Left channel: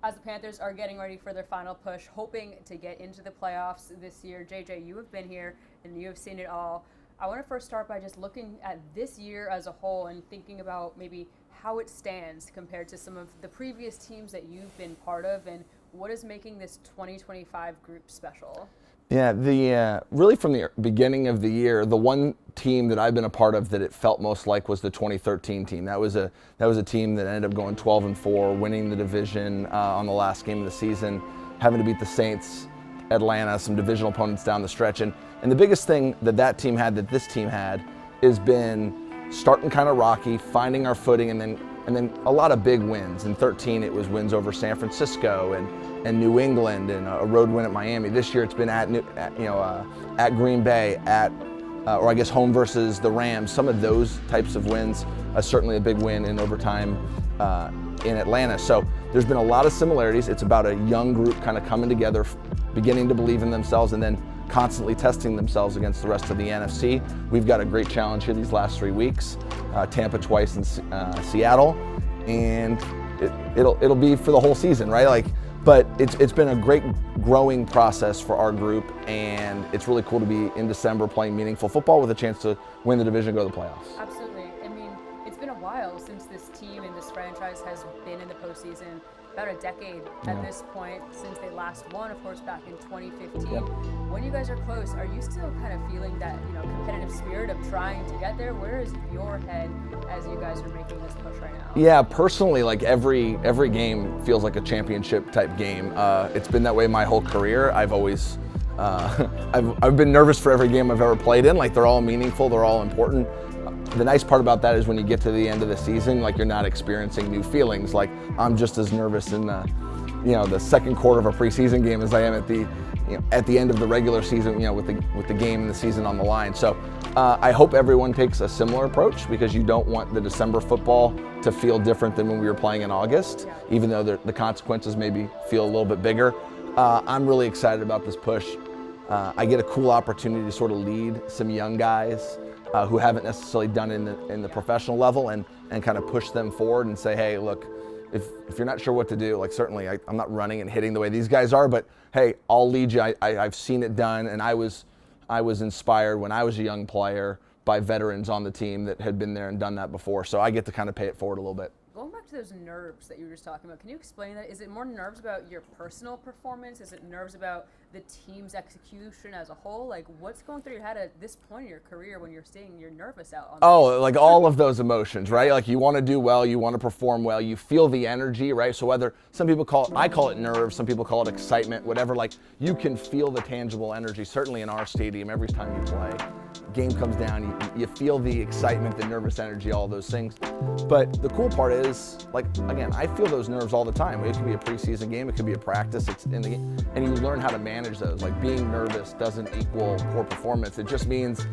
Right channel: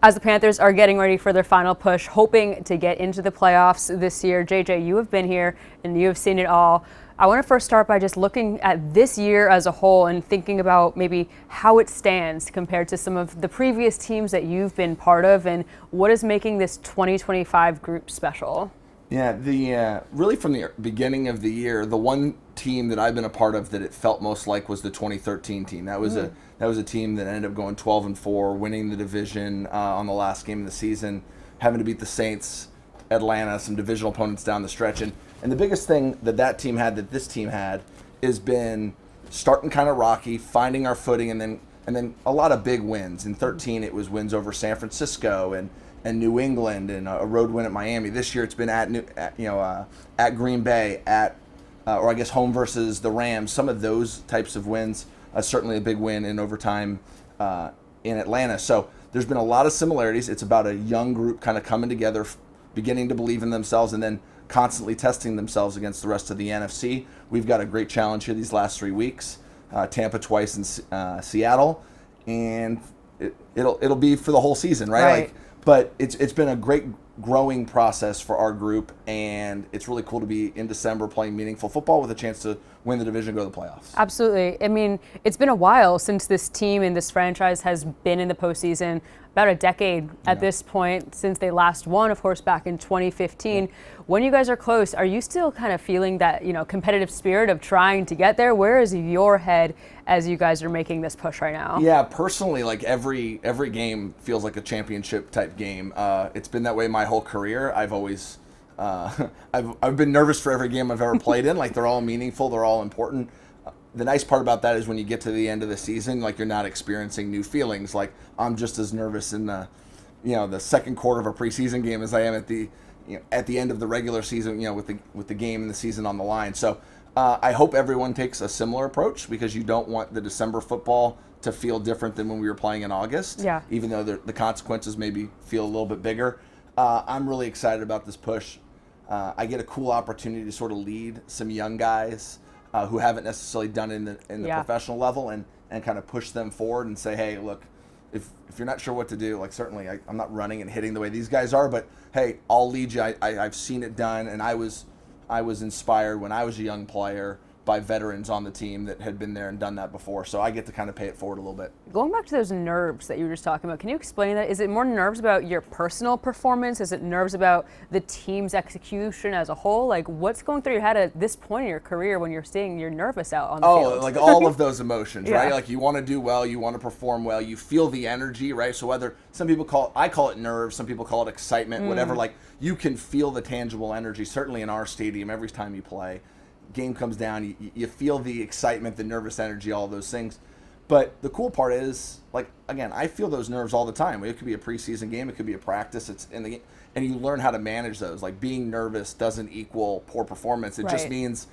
As the Panthers are getting ready for their final push, hoping to get into the playoffs this year, JJ, you have been here and you have seen it all. I want to first start by just looking at this year as a whole and thinking about maybe how it stands compared to some of the previous teams that you've been part of, and what is making this 2025 group special. Yeah, really from the beginning of the year, the one team that I've been a part of that it felt most like was the 2013 team. That was a team that ended up going 12-4, winning the division on the last game of the season, having to beat the Saints, Atlanta, some divisional opponents down the stretch. And the biggest thing that team had, that this team had, is been starting kind of rocky, finding our footing, and then a lot of big wins. In 13, it was wins over San Francisco and New England, and a road win at Miami. This year, it's been at Green Bay, or I guess home versus the Rams. Some of those types of wins. Certainly a big win in overtime in Atlanta. So there's been a lot of similarities. It's about a young group kind of coming together, beginning to believe in themselves, and then constantly testing themselves against the rest of the NFC. We've got a great challenge here these last 3 weeks. Tampa twice and Seattle, and it'll be for the whole season, right? But it's been a great growing process for our group, and it's really cool to be in December playing meaningful football with a chance to win the division, go to the playoffs. Absolutely. I mean, it's been a while since this team and this franchise has been in the postseason. About a decade at this point since they last won, of course, back in 2015. When you guys are close, are you still kind of feeling that, competitive spirit of trying to get there? Where is your head as you guys are making this push right now? Yeah, personally, like every game feels like a championship type game. It's been that way my whole career. I've always I've been nervous for every game I've ever played in. Like, they're all meaningful, they're all important. The nice part about that is when you get to the end of the season, like, you're not experiencing new feelings. Like, I'm just as nervous in the second quarter of a preseason game as I am at the end of the regular season, with the game and the season on the line. So I hope everyone takes a similar approach, because you don't want the December football to feel different than when we were playing in August. Yeah. Even though the consequences maybe feel a little bit bigger. I'm really excited about this push. I get a cool opportunity to sort of lead some young guys who haven't necessarily done it in the professional level, and kind of push them forward and say, hey, look, if you're not sure what to do, like, certainly I'm not running and hitting the way these guys are, but hey, I'll lead you. I've seen it done, and I was inspired when I was a young player by veterans on the team that had been there and done that before. So I get to kind of pay it forward a little bit. Going back to those nerves that you were just talking about, can you explain that? Is it more nerves about your personal performance? Is it nerves about the team's execution as a whole? Like, what's going through your head at this point in your career when you're seeing you're nervous out on the field? Like all of those emotions, right? Like, you want to do well, you want to perform well, you feel the energy, right? So whether some people I call it nerves, some people call it excitement, whatever, like, you can feel the tangible energy, certainly in our stadium every time you play. Game comes down, you feel the excitement, the nervous energy, all those things. But the cool part is, like, again, I feel those nerves all the time. It could be a preseason game, it could be a practice, it's in the game, and you learn how to manage those. Like, being nervous doesn't equal poor performance. It just means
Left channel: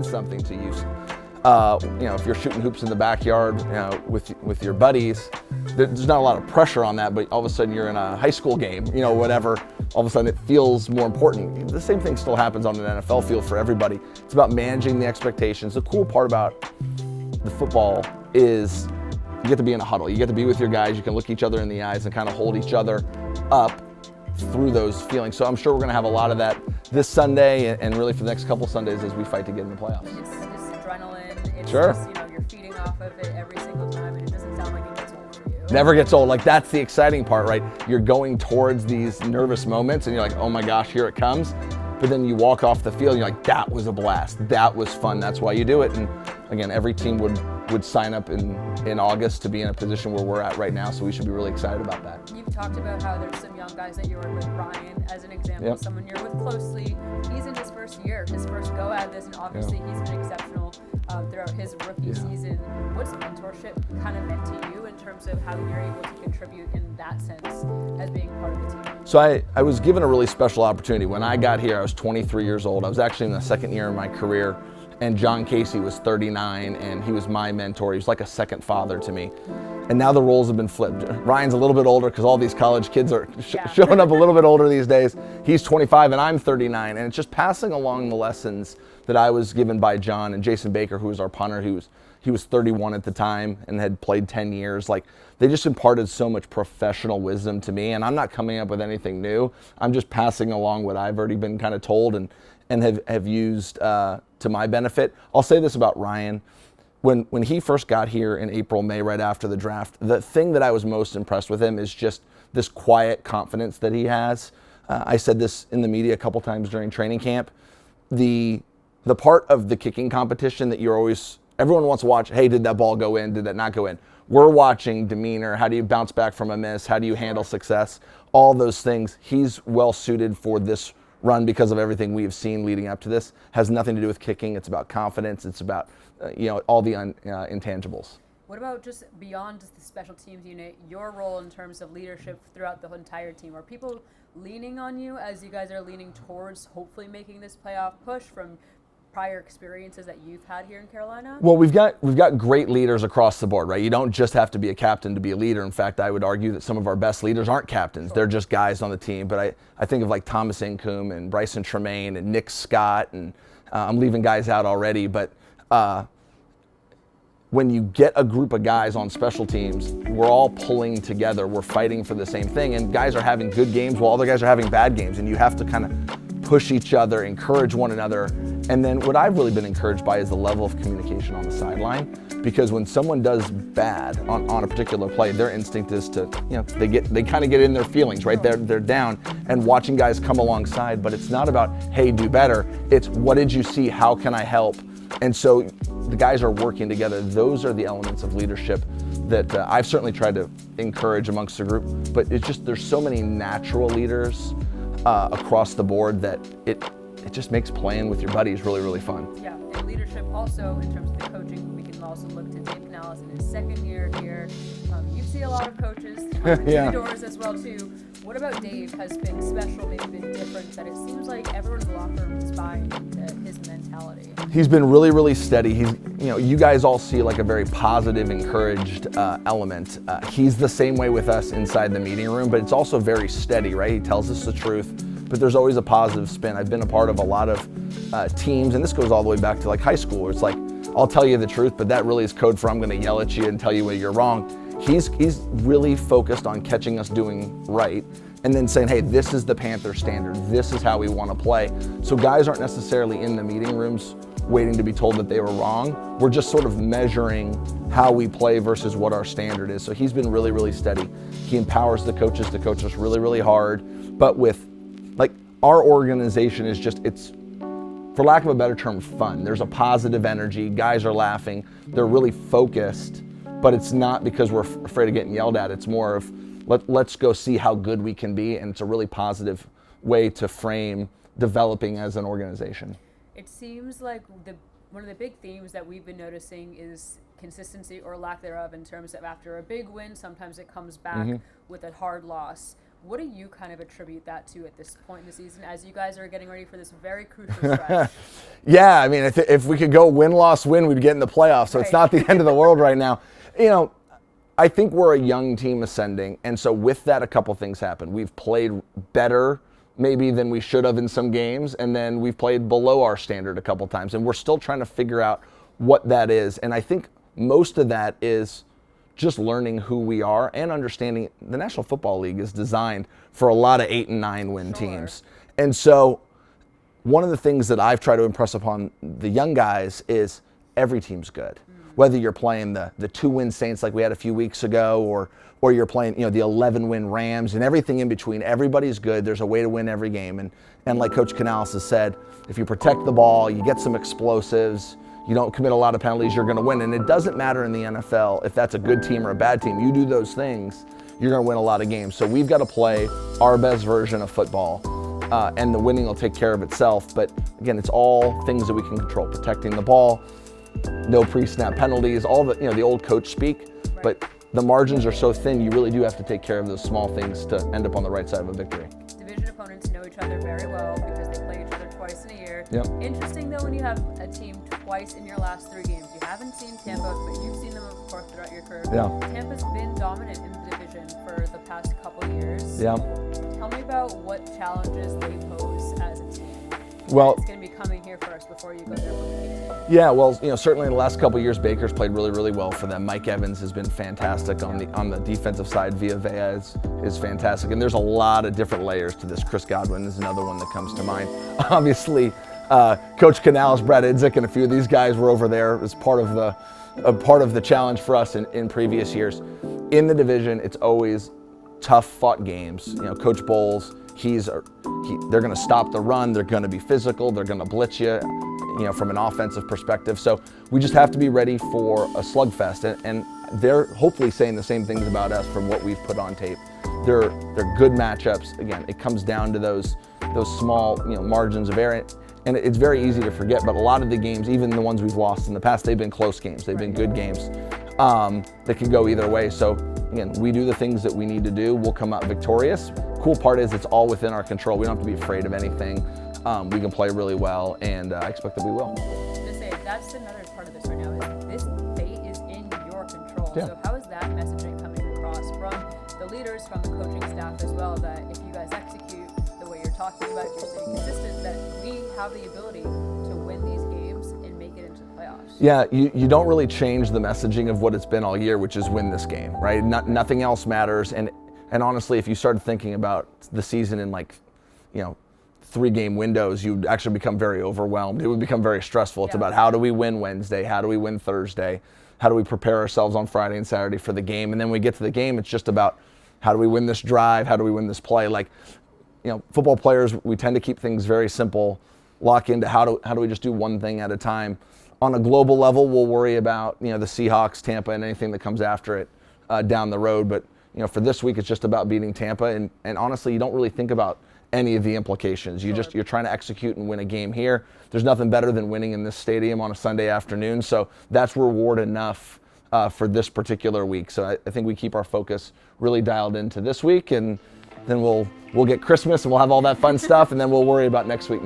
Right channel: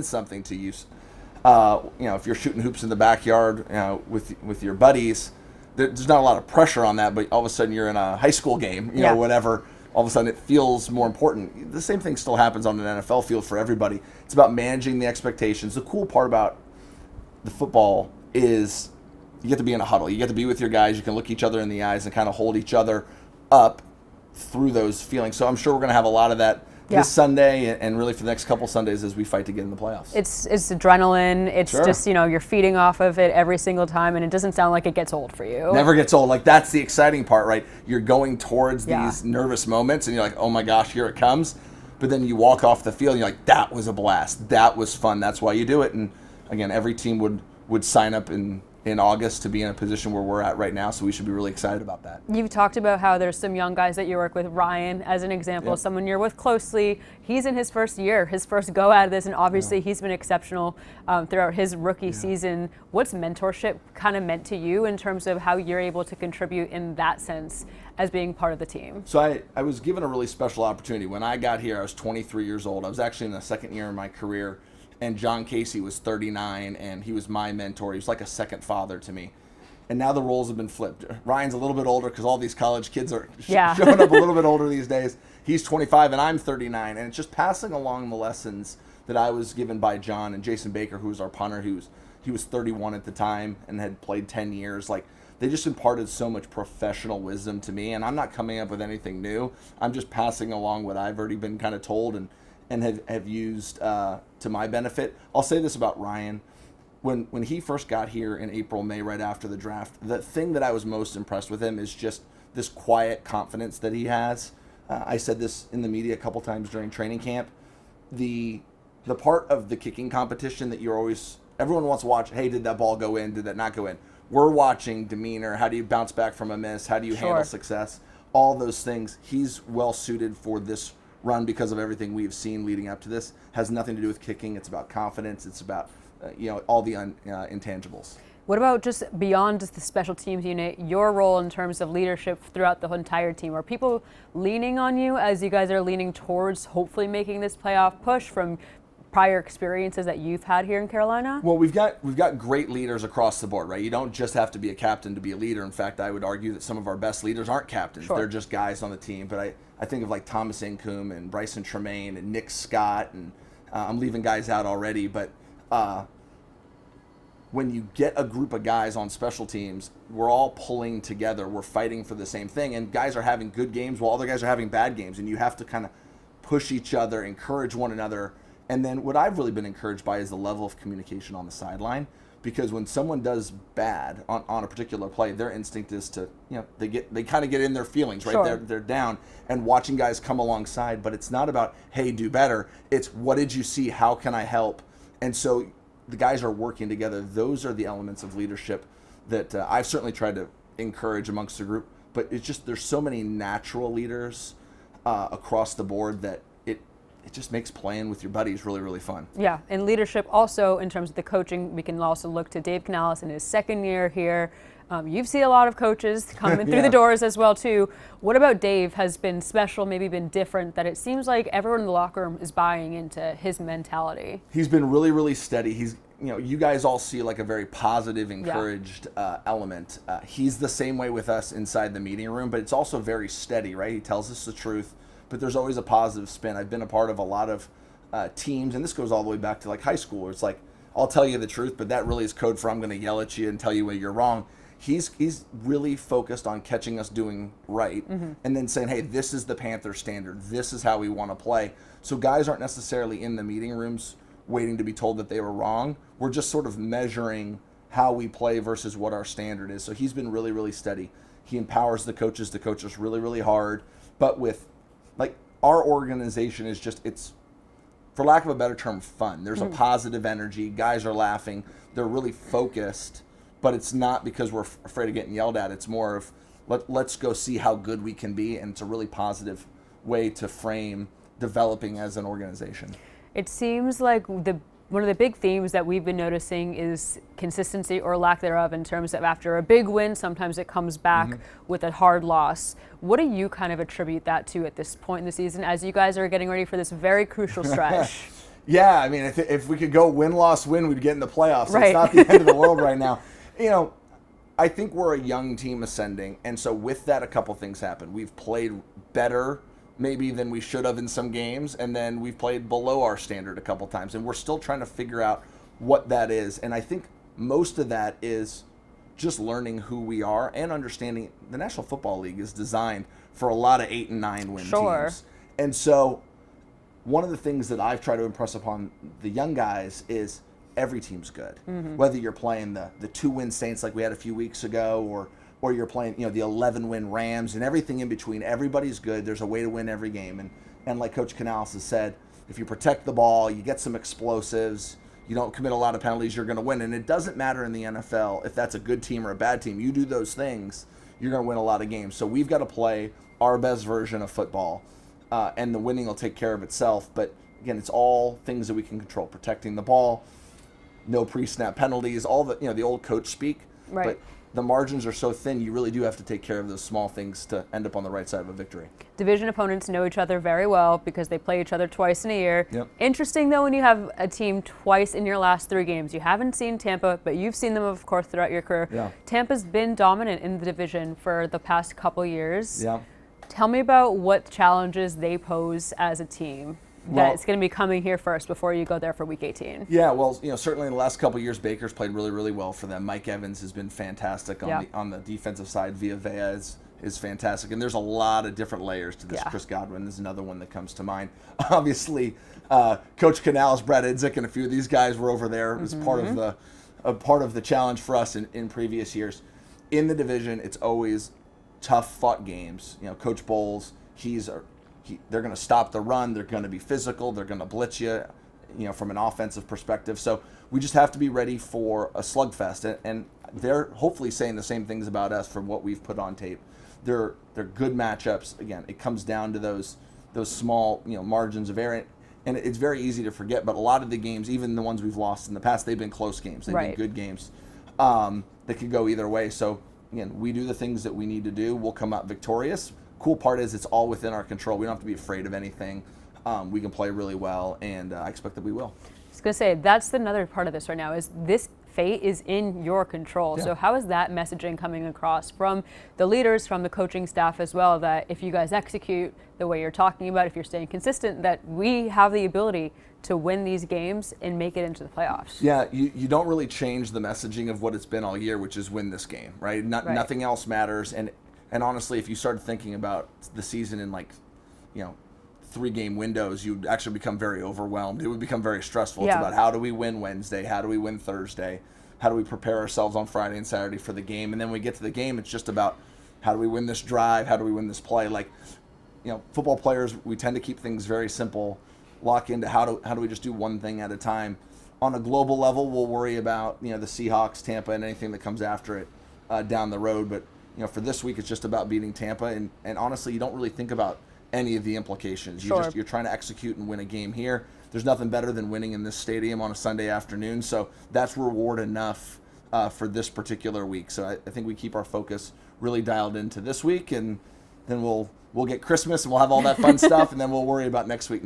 something to you. If you're shooting hoops in the backyard, with your buddies, there's not a lot of pressure on that, but all of a sudden you're in a high school game, whatever, all of a sudden it feels more important. The same thing still happens on an NFL field for everybody. It's about managing the expectations. The cool part about the football is you get to be in a huddle. You get to be with your guys. You can look each other in the eyes and kind of hold each other up through those feelings. So I'm sure we're going to have a lot of that this Sunday, and really for the next couple Sundays as we fight to get in the playoffs. It's adrenaline. It's just, you're feeding off of it every single time, and it doesn't sound like it gets old for you. Never gets old. Like, that's the exciting part, right? You're going towards these nervous moments, and you're like, oh my gosh, here it comes. But then you walk off the field, and you're like, that was a blast. That was fun. That's why you do it. And again, every team would sign up in August to be in a position where we're at right now, so we should be really excited about that. You've talked about how there's some young guys that you work with. Ryan, as an example, someone you're with closely. He's in his first year, his first go at this, and obviously he's been exceptional throughout his rookie season. What's mentorship kind of meant to you in terms of how you're able to contribute in that sense as being part of the team? So I was given a really special opportunity. When I got here, I was 23 years old. I was actually in the second year of my career. And John Casey was 39, and he was my mentor. He was like a second father to me. And now the roles have been flipped. Ryan's a little bit older because all these college kids are showing up a little bit older these days. He's 25 and I'm 39. And it's just passing along the lessons that I was given by John and Jason Baker, who was our punter. He was 31 at the time and had played 10 years. Like, they just imparted so much professional wisdom to me, and I'm not coming up with anything new. I'm just passing along what I've already been kind of told and have used to my benefit. I'll say this about Ryan. When he first got here in April, May, right after the draft, the thing that I was most impressed with him is just this quiet confidence that he has. I said this in the media a couple times during training camp. The part of the kicking competition that everyone wants to watch, hey, did that ball go in? Did that not go in? We're watching demeanor. How do you bounce back from a miss? How do you handle success? All those things. He's well suited for this run because of everything we have seen leading up to this. Has nothing to do with kicking. It's about confidence. It's about all the intangibles. What about just beyond just the special teams unit, your role in terms of leadership throughout the entire team? Are people leaning on you as you guys are leaning towards hopefully making this playoff push from prior experiences that you've had here in Carolina? Well, we've got great leaders across the board, right? You don't just have to be a captain to be a leader. In fact, I would argue that some of our best leaders aren't captains. They're just guys on the team. But I think of like Thomas Incoom and Bryson Tremaine and Nick Scott, and I'm leaving guys out already, but when you get a group of guys on special teams, we're all pulling together. We're fighting for the same thing, and guys are having good games while other guys are having bad games, and you have to kind of push each other, encourage one another. And then what I've really been encouraged by is the level of communication on the sideline, because when someone does bad on a particular play, their instinct is to, they kind of get in their feelings, right? Sure. They're down, and watching guys come alongside, but it's not about, hey, do better. It's what did you see? How can I help? And so the guys are working together. Those are the elements of leadership that I've certainly tried to encourage amongst the group, but it's just, there's so many natural leaders across the board that it just makes playing with your buddies really, really fun. Yeah, and leadership also in terms of the coaching, we can also look to Dave Canales in his second year here. You've seen a lot of coaches coming through the doors as well too. What about Dave has been special, maybe been different, that it seems like everyone in the locker room is buying into his mentality? He's been really, really steady. He's, you guys all see like a very positive, encouraged element. He's the same way with us inside the meeting room, but it's also very steady, right? He tells us the truth, but there's always a positive spin. I've been a part of a lot of teams, and this goes all the way back to like high school, where it's like, I'll tell you the truth, but that really is code for I'm gonna yell at you and tell you where you're wrong. He's really focused on catching us doing right, and then saying, hey, this is the Panther standard. This is how we want to play. So guys aren't necessarily in the meeting rooms waiting to be told that they were wrong. We're just sort of measuring how we play versus what our standard is. So he's been really, really steady. He empowers the coaches to coach us really, really hard. But with, like, our organization is just, it's, for lack of a better term, fun. There's a positive energy. Guys are laughing. They're really focused. But it's not because we're afraid of getting yelled at. It's more of let's go see how good we can be, and it's a really positive way to frame developing as an organization. It seems like one of the big themes that we've been noticing is consistency or lack thereof in terms of after a big win, sometimes it comes back with a hard loss. What do you kind of attribute that to at this point in the season as you guys are getting ready for this very crucial stretch? Yeah, I mean, if we could go win, loss, win, we'd get in the playoffs. So it's not the end of the world right now. I think we're a young team ascending, and so with that, a couple things happen. We've played better maybe than we should have in some games, and then we've played below our standard a couple times, and we're still trying to figure out what that is. And I think most of that is just learning who we are and understanding the National Football League is designed for a lot of 8 and 9 win teams. And so one of the things that I've tried to impress upon the young guys is every team's good. Whether you're playing the 2-win Saints like we had a few weeks ago, or you're playing the 11-win Rams, and everything in between, everybody's good. There's a way to win every game. And like Coach Canales has said, if you protect the ball, you get some explosives, you don't commit a lot of penalties, you're going to win. And it doesn't matter in the NFL if that's a good team or a bad team. You do those things, you're going to win a lot of games. So we've got to play our best version of football, and the winning will take care of itself. But again, it's all things that we can control: protecting the ball, no pre-snap penalties, all the the old coach speak. But the margins are so thin, you really do have to take care of those small things to end up on the right side of a victory. Division opponents know each other very well because they play each other twice in a year. Interesting though, when you have a team twice in your last 3 games. You haven't seen Tampa, but you've seen them, of course, throughout your career. Tampa's been dominant in the division for the past couple years. Tell me about what challenges they pose as a team. that it's going to be coming here first before you go there for Week 18? Yeah, well, certainly in the last couple of years, Baker's played really, really well for them. Mike Evans has been fantastic on the defensive side. Via Vea is fantastic, and there's a lot of different layers to this. Yeah. Chris Godwin is another one that comes to mind. Obviously, Coach Canales, Brett Idzik, and a few of these guys were over there as part of the challenge for us in previous years. In the division, it's always tough fought games. Coach Bowles, they're going to stop the run. They're going to be physical. They're going to blitz you, from an offensive perspective. So we just have to be ready for a slugfest. And they're hopefully saying the same things about us from what we've put on tape. They're good matchups. Again, it comes down to those small margins of error. And it's very easy to forget, but a lot of the games, even the ones we've lost in the past, they've been close games. They've been good games that could go either way. So again, we do the things that we need to do. We'll come out victorious. Cool part is it's all within our control. We don't have to be afraid of anything. We can play really well, and I expect that we will. I was gonna say, that's another part of this right now, is this fate is in your control. Yeah. So how is that messaging coming across from the leaders, from the coaching staff as well, that if you guys execute the way you're talking about, if you're staying consistent, that we have the ability to win these games and make it into the playoffs? Yeah, you don't really change the messaging of what it's been all year, which is win this game, right? Nothing else matters. And honestly, if you started thinking about the season in 3-game windows, you'd actually become very overwhelmed. It would become very stressful. It's about how do we win Wednesday? How do we win Thursday? How do we prepare ourselves on Friday and Saturday for the game? And then when we get to the game, it's just about how do we win this drive? How do we win this play? Football players, we tend to keep things very simple, lock into how do we just do one thing at a time. On a global level, we'll worry about the Seahawks, Tampa, and anything that comes after it down the road. But for this week, it's just about beating Tampa. And honestly, you don't really think about any of the implications. You're trying to execute and win a game here. There's nothing better than winning in this stadium on a Sunday afternoon. So that's reward enough for this particular week. So I think we keep our focus really dialed into this week, and then we'll get Christmas and we'll have all that fun stuff, and then we'll worry about next week.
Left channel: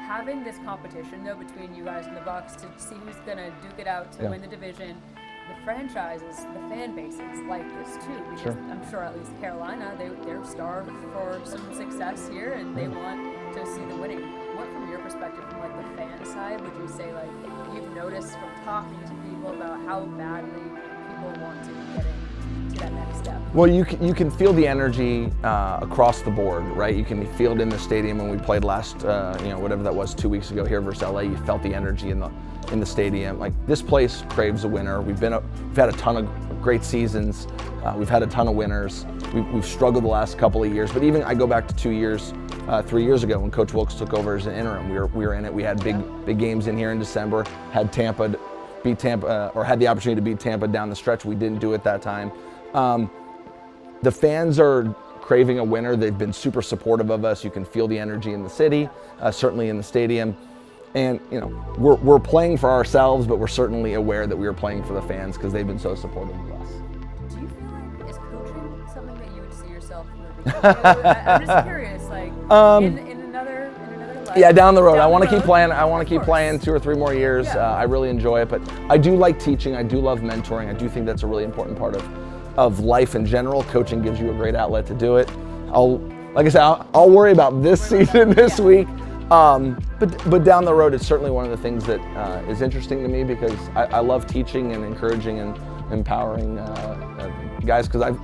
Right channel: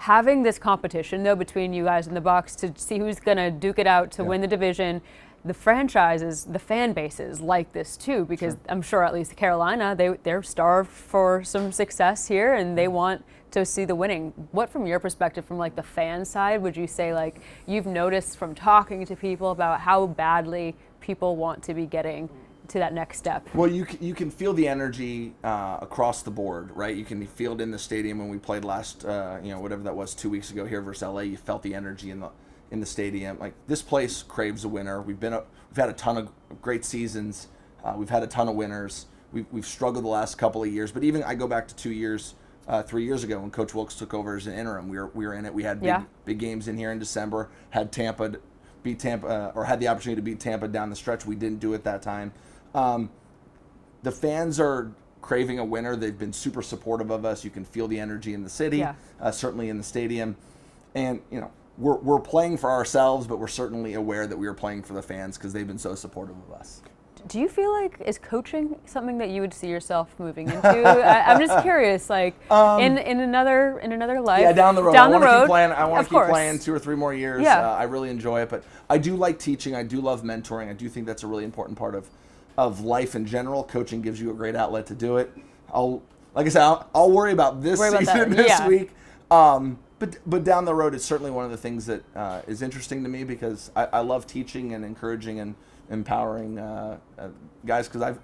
Having this competition though between you guys and the Bucs to see who's gonna duke it out to win the division, the franchises, the fan bases like this too, because I'm sure at least Carolina, they're starved for some success here and they want to see the winning. What, from your perspective, from the fan side, would you say you've noticed from talking to people about how badly people want to be getting to that next step? Well, you can feel the energy across the board, right? You can feel it in the stadium when we played last, whatever that was, 2 weeks ago here versus LA. You felt the energy in the stadium. This place craves a winner. We've had a ton of great seasons. We've had a ton of winners. We've struggled the last couple of years, but even I go back to 3 years ago when Coach Wilkes took over as an interim. We were in it. We had big games in here in December. Had Tampa beat Tampa, or had the opportunity to beat Tampa down the stretch. We didn't do it that time. The fans are craving a winner. They've been super supportive of us. You can feel the energy in the city, certainly in the stadium. And we're playing for ourselves, but we're certainly aware that we are playing for the fans because they've been so supportive of us. Do you feel is coaching something that you would see yourself moving into? I'm just curious, in another life. Yeah, down the road. I want to keep playing. Keep playing 2 or 3 more years. I really enjoy it, but I do like teaching. I do love mentoring. I do think that's a really important part of life in general. Coaching gives you a great outlet to do it. I'll worry about this season, this week. But down the road, it's certainly one of the things that is interesting to me because I love teaching and encouraging and empowering guys, because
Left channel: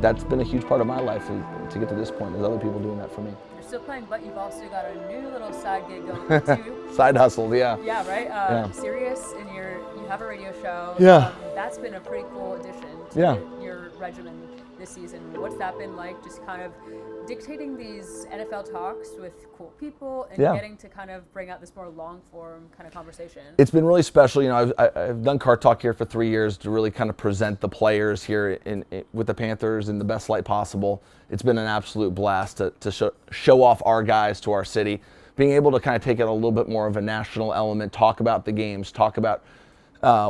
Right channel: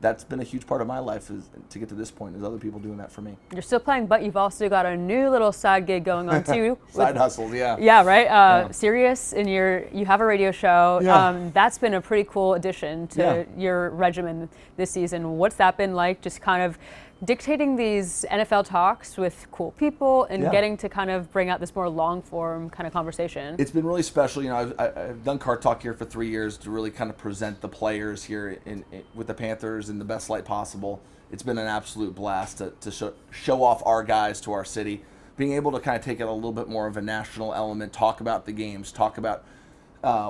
that's been a huge part of my life is to get to this point. There's other people doing that for me. You're still playing, but you've also got a new little side gig going on too. Side hustles, yeah. Yeah, right. Sirius, and you have a radio show. Yeah. That's been a pretty cool addition to your regimen this season. What's that been like? Just kind of dictating these NFL talks with cool people and getting to kind of bring out this more long-form kind of conversation. It's been really special. I've done Car Talk here for 3 years to really kind of present the players here with the Panthers in the best light possible. It's been an absolute blast to show off our guys to our city. Being able to kind of take it a little bit more of a national element, talk about the games, talk about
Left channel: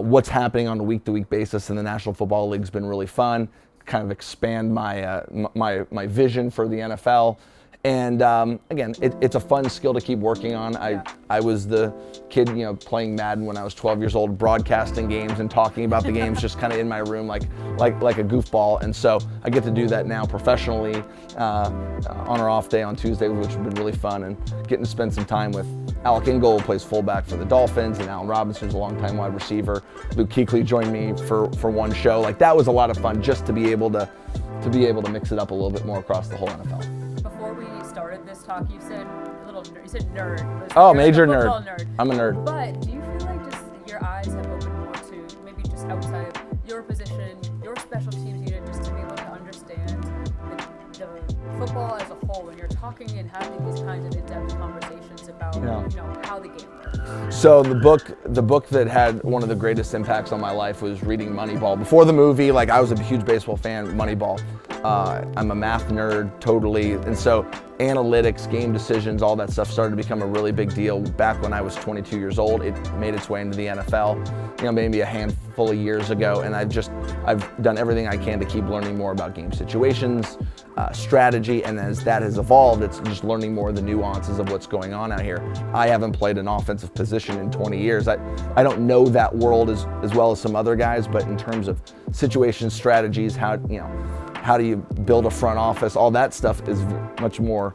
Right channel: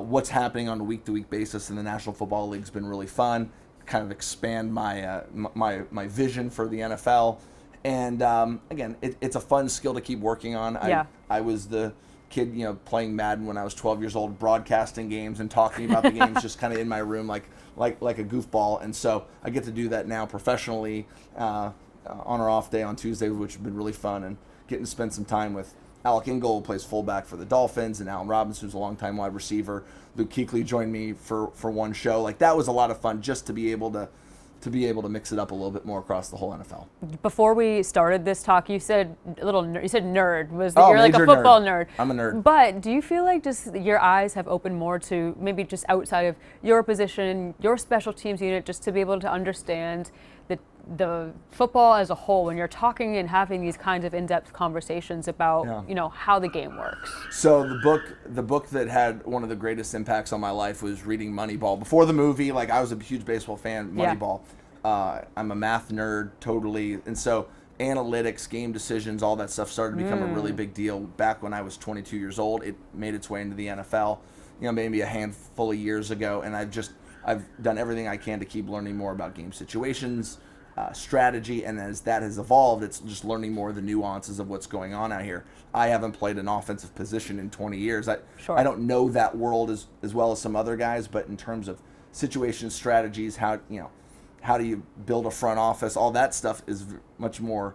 what's happening on a week-to-week basis in the National Football League has been really fun. Kind of expand my vision for the NFL, And again, it's a fun skill to keep working on. I was the kid, playing Madden when I was 12 years old, broadcasting games and talking about the games, just kind of in my room like a goofball. And so I get to do that now professionally on our off day on Tuesday, which has been really fun, and getting to spend some time with Alec Ingold, who plays fullback for the Dolphins, and Allen Robinson, who's a longtime wide receiver. Luke Kuechly joined me for one show. Like, that was a lot of fun, just to be able to mix it up a little bit more across the whole NFL. Before we started this talk, you said nerd. You're like a major football nerd. I'm a nerd. But do you feel like just your eyes have opened more to maybe just outside of your position, your special teams unit, just to be able to understand the football as a whole when you're talking and having these kinds of in-depth conversations about how the game works? So the book that had one of the greatest impacts on my life was reading Moneyball. Before the movie, I was a huge baseball fan. Moneyball. I'm a math nerd, totally. And so analytics, game decisions, all that stuff started to become a really big deal back when I was 22 years old. It made its way into the NFL, maybe a handful of years ago. And I've done everything I can to keep learning more about game situations, strategy. And as that has evolved, it's just learning more of the nuances of what's going on out here. I haven't played an offensive position in 20 years. I don't know that world as well as some other guys, but in terms of situations, strategies, how do you build a front office? All that stuff is much more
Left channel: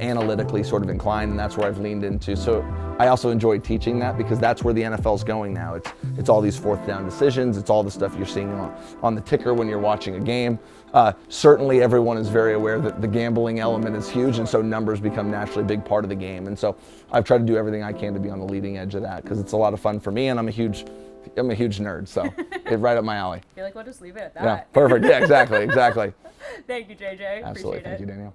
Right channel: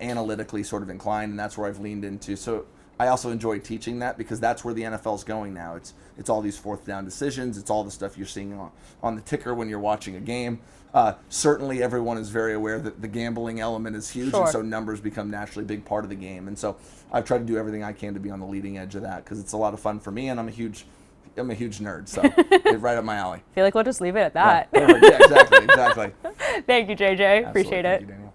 analytically sort of inclined, and that's where I've leaned into. So I also enjoy teaching that, because that's where the NFL's going now. It's all these fourth down decisions. It's all the stuff you're seeing on the ticker when you're watching a game. Certainly everyone is very aware that the gambling element is huge, and so numbers become naturally a big part of the game. And so I've tried to do everything I can to be on the leading edge of that, because it's a lot of fun for me, and I'm a huge nerd, so it's right up my alley. I feel like we'll just leave it at that. Yeah, perfect. Yeah, exactly. Thank you, JJ. Absolutely. Appreciate it. Thank you, Danielle.